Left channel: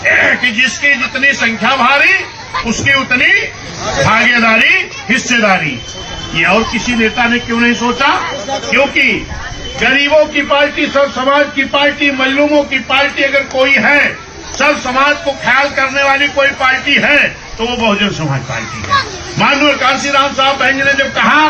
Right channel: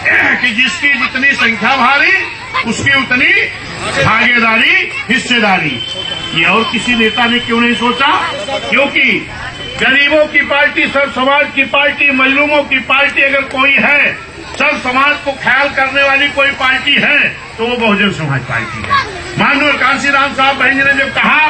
कि जिसकी जितनी संख्या भारी उसकी उतनी भागीदारी, हिस्सेदारी। ये और किसी नेता ने क्यों नहीं सोचा? क्योंकि गरीबों की पार्टी, सब समाज की पार्टी, मजलूमों की पार्टी अगर कोई है, सब समाज को ख्याल करने वाली कोई पार्टी है तो वो बहुजन समाज पार्टी है। माननीय कांशीराम साहब बहन जी ने जब कहा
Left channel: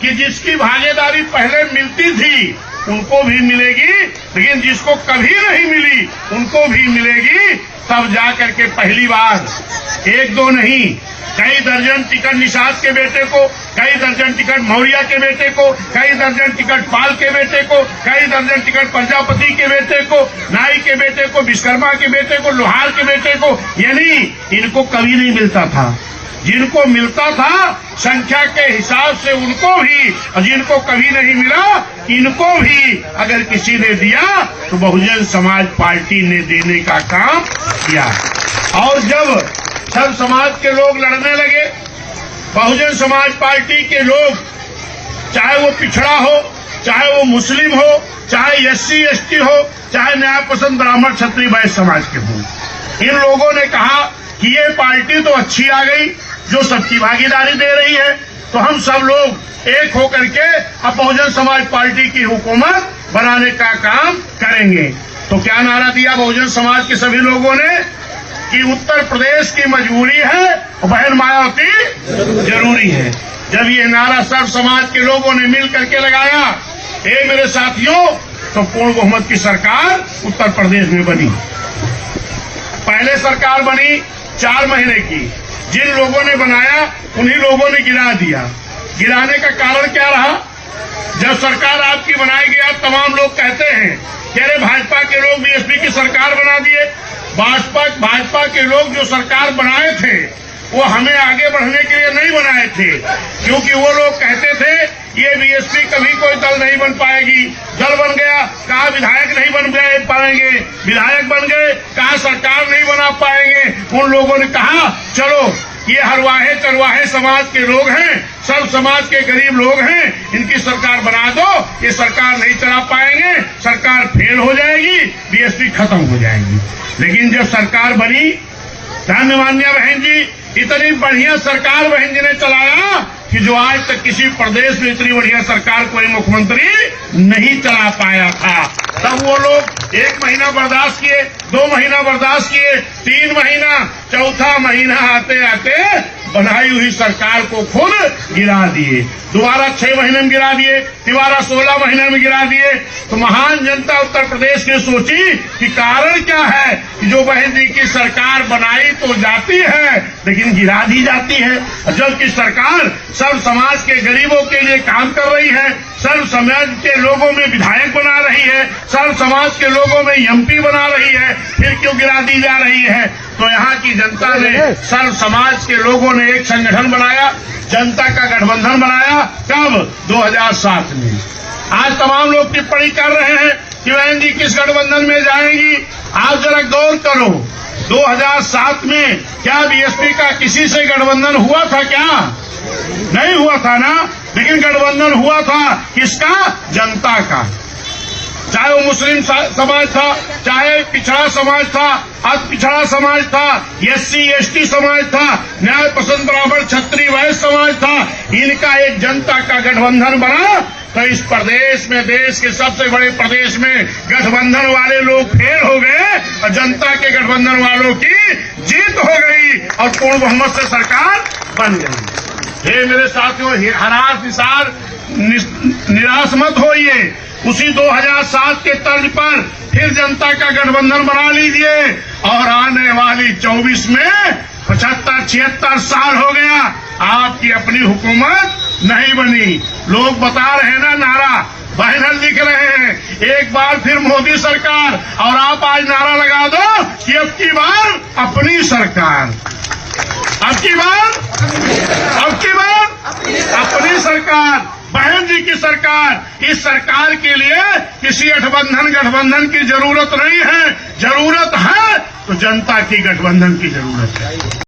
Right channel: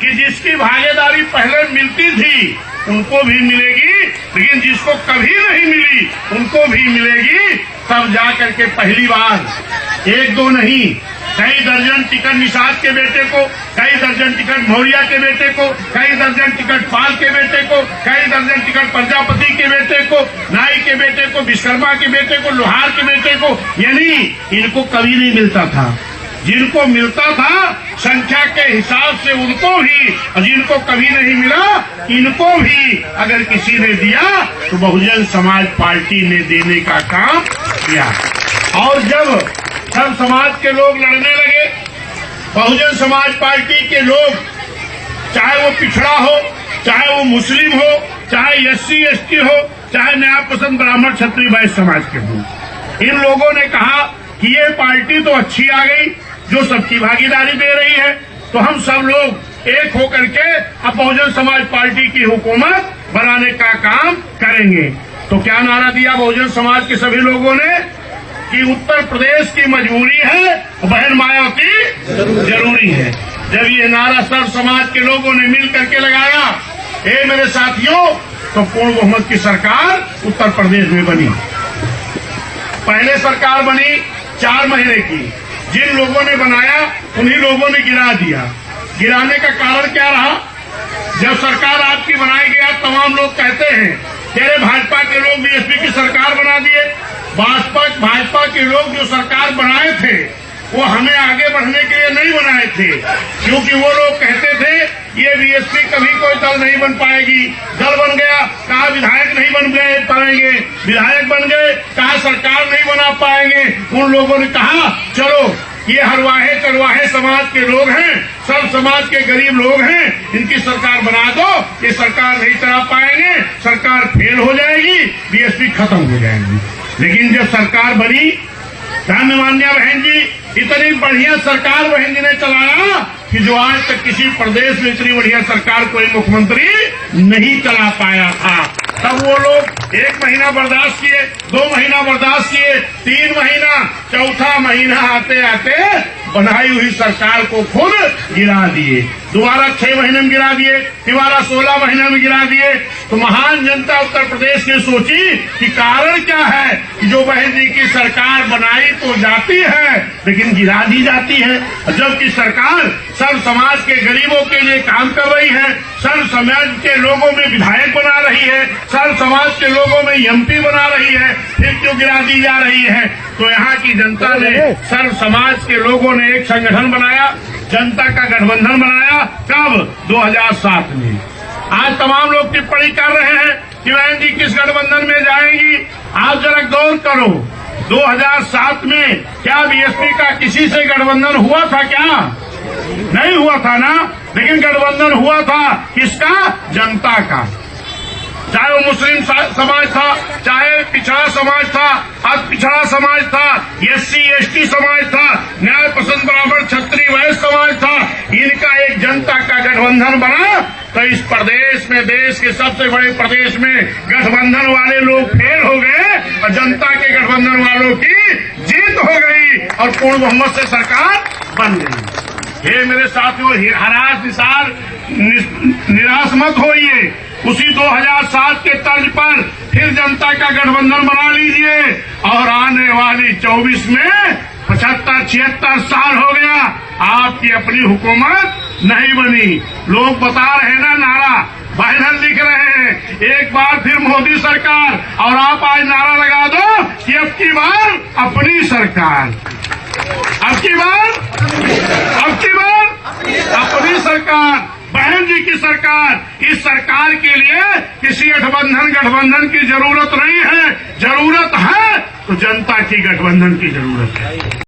कि जिसकी भागीदारी पहले मिलती थी उनको भी मिलेगी, लेकिन जिसको कभी नहीं मिली उनको भी मिलेगी, तब जा करके पहली बार एक दो नहीं, कई दर्जन टिकट निषाद के बेटे को, कई दर्जन टिकट मौर्य के बेटे को, कई दर्जन टिकट पाल के बेटे को, कई दर्जन टिकट प्रजापति के बेटे को, नाई के बेटे को, विश्वकर्मा के बेटे को, लोहार के बेटे को, यानी इनको कभी नहीं मिलता था। जिनको मिलता था संख्या के हिसाब से उनको भी, और जिनको कभी नहीं मिला इनको भी अगर किसी ने दिया तो बहुजन समाज पार्टी ने देने का काम किया। और जब सब समाज के लोग लड़ने लगे, बहुजन समाज पार्टी के लोग, चाहे वो पिछड़ा हो, चाहे वो मुस्लिम हो, चाहे SC ST हो, चाहे न्याय पसंद ब्राह्मण क्षत्रिय वैश्य समाज के हो, इन लोगों ने कहा कि ये पार्टी तो अच्छी आ गई जो सबकी भागीदारी दे रही है, तो हम सब लोग एक होकर के अब बहुजन समाज पार्टी की हुकूमत बनाने का काम करेंगे। तो क्या नारा दिया बहुजन समाज के सभी लोगों ने कि उत्तर प्रदेश की मजबूरी है और बहन मायावती जरूरी है। जब ये नारा सब समाज के लोगों ने मिल करके लगाया, मेरे साथियों, तो पूर्ण बहुमत की सरकार उत्तर प्रदेश में बनी। पहले सरकार बनी 4 महीने की, जिन लोगों ने बनाया उन्हीं लोगों ने गिरा दिया। गिराने का कारण क्या रहा? जब सरकार आपकी बनाई गया, तमाम लोग कहते हैं कि अरे भाजपा के लोग BSP की सरकार बना दिए। भाजपा के लोग जो सरकार बनाए थे वो हमें आगे बढ़ने के लिए नहीं बनाए थे, क्योंकि वो लोग कहते थे ये BSP कभी कोई दल नहीं बन पाएगी। दल बन गया, कहा विधायक नहीं बन पाएंगे, विधायक बन गए, कहा सरकार नहीं बना पाएंगे। उन लोगों ने कहा चलो ये हरवाहे चरवाहे समाज के लोग हैं, सब समाज के गरीब लोग हैं, इनकी सरकार बना दो, ये सरकार नहीं चला पाएंगे, सरकार फेल हो जाएगी, BSP खत्म हो जाएगी। लेकिन जब सरकार बनी, धन्यवान्या बहन जी, इतनी बढ़िया सरकार बहन जी ने चलाया कि जो आज तक किसी प्रदेश में इतनी बढ़िया सरकार कोई मुख्यमंत्री नहीं चला पाया था। तब वो लोग 1 महीना बर्दाश्त किए, 2 महीना बर्दाश्त किए, 3 महीना, चौथा महीना आते आते बनाई हुई सरकार को खुद गिरा दिए। दोबारा 6 महीने में गिरा दिए, दोबारा 16 महीने में गिरा दिए। तो महान जनता उत्तर प्रदेश ने सोची कि कारण क्या है कि जो बहन जी की सरकार बनाई तो जाती है लेकिन गिरा दी जाती है, जबकि सरकार सब समाज के गरीबों के लिए काम कर रही है, सब समाज के लोगों में विधायक बना रही है, सब समाज के लोगों में MP बना रही है, फिर क्यों गिरा दी जा रही है? तो यहाँ की जनता ने, सर्व समाज के लोगों ने एक संगठन बनाया, जनता का गठबंधन बनाया। कब? 2007 में। आज तमाम लोग टिप्पणी कर रहे हैं कि बहन जी किस गठबंधन में जाएंगी। आज जरा गौर करो, 2007 में क्या BSP का किसी से गठबंधन हुआ था? क्या नहीं हुआ था ना? लेकिन गठबंधन हुआ था किसका? जनता का। चाहे वो मुस्लिम समाज था, चाहे पिछड़ा समाज था, अति पिछड़ा समाज था, SC ST समाज था, न्याय पसंद ब्राह्मण क्षत्रिय वैश्य समाज था, इनका एक जनता का गठबंधन बना। तो इस प्रदेश में, देश के सबसे बड़े प्रदेश में गठबंधन वाले लोग फेल हो गए और जनता के गठबंधन वालों की जीत हो गई और पूर्ण बहुमत से सरकार बन गई। हे मेरे साथियों, निराश मत होइए। उसी 2007 के तर्ज पर फिर जनता का गठबंधन बना लीजिए और आने वाली 24 में 75-76 साल हो गया, आपकी अपनी हुकूमत नहीं बनी। लोग बता रहे ना, नारा बैनर लिख रहे हैं, एक बार फिर मोदी सरकार, और आप आज नारा लगा दो कि अब की बार अपनी सरकार, अब की बार अपनी सरकार, बहन जी की सरकार। इस सरकार के लिए किसी गठबंधन की जरूरत नहीं है, जरूरत है तो जनता की गठबंधन की जरूरत है।